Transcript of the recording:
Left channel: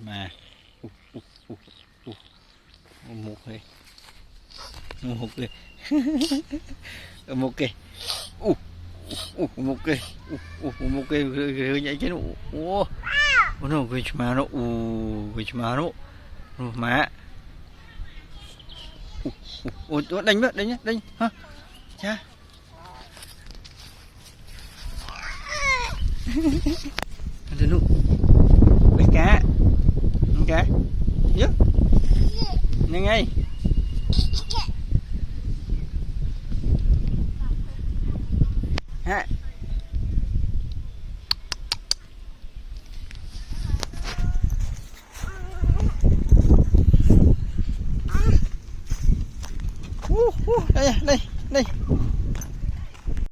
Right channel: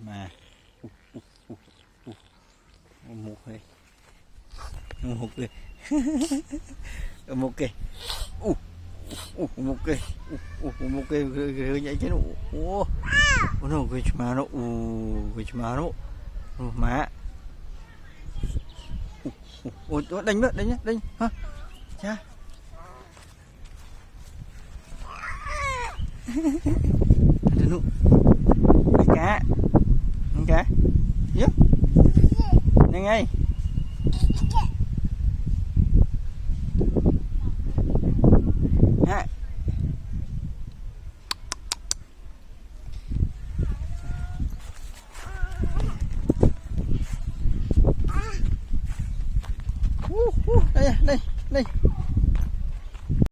mà một kì một kì một kì một kì một kì nhảy trên nó cái mà nó má đánh nữa đánh hả cha ada nu cá yuk nhanh ngay ha đây